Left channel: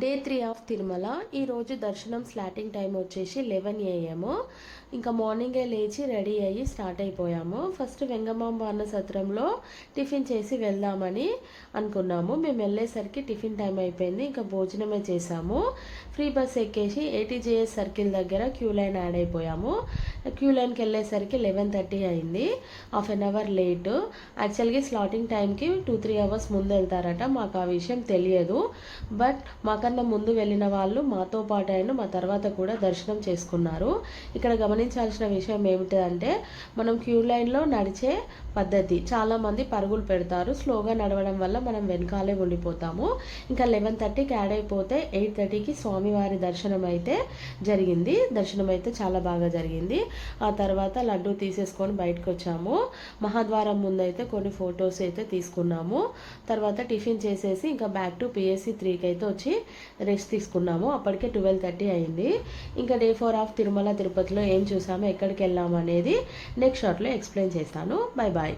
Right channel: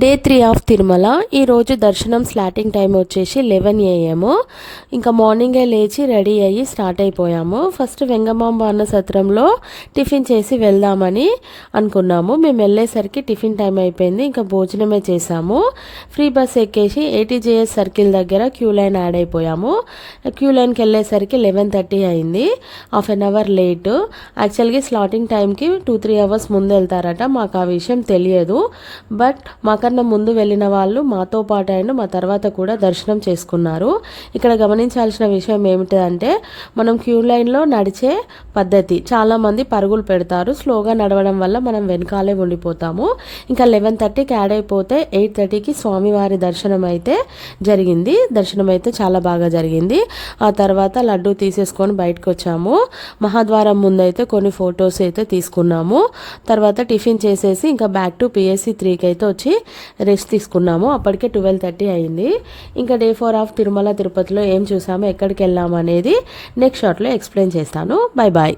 Day 3 of Tirumala. ఈరోజు దర్శనం slotting time వచ్చేసి 11 AM. ఇంకా మార్నింగే లేచి రెడీ అయ్యి స్టార్ట్ అయిపోయాము. ఫస్ట్ వెంగమాంబ అన్న సత్రంలో టిఫిన్ చేసి వెళ్దామని అనుకున్నాము. మేము వెళ్ళేసరికి టిఫిన్ టైం అయిపోయింది. ఇంకా భోజనమే చేసాము. ఫ్రీ బస్ ఎక్కేసి ATJS సర్కిల్ దగ్గర క్యూ లైన్ యాడ్ అయిపోయాము. క్యూ లైన్కి వెళ్ళేసరికి 11:30 అయింది. Half an hour late. యాక్చువల్గా స్లాటింగ్ టైంకి 2-3 అవర్స్ ముందు వెళ్తారట. మాకు ఆ విషయం తెలియదు. బట్ మాకన్నా ముందు వెళ్ళిన వాళ్ళు మాతో పాటు అయినా మా తర్వాత కూడా దర్శనం చేసుకున్నారు. ఇక్కడ గమనించాల్సిన విషయం ఏమిటంటే మనం క్యూ లైన్లో నడిచే పద్ధతి. చాలామంది పరుగులు పెడతారు. స్లోగా నడవడం వల్ల మనం వెనకాలే ఉండిపోతాము. ఇంకా 11:30కి యాడ్ అయిపోతే 8:30కి స్వామివారి దర్శనం అయితే జరిగింది. దర్శనం అయితే చాలా బాగా జరిగింది. ఆ తర్వాత లడ్డు తీసేసుకొని బయటకు వచ్చాము. మహాద్వారం ముందైతే కొన్ని ఫొటోస్ అయితే తీసుకున్నాము. తర్వాత టిఫిన్ చేసేసి ఇంకా బ్యాక్ టు PSC 3కి అయితే వచ్చి రెస్ట్ తీసుకున్నాము. అప్పటికే 12:30 అయింది. ఇంకా డే 4 ఆఫ్ తిరుమల తిరుపతిలో ఏం చూసాము, ఎక్కడికి వెళ్ళాము అనేది నెక్స్ట్ షార్ట్లో ఎక్స్ప్లెయిన్ చేస్తాను. Bye bye.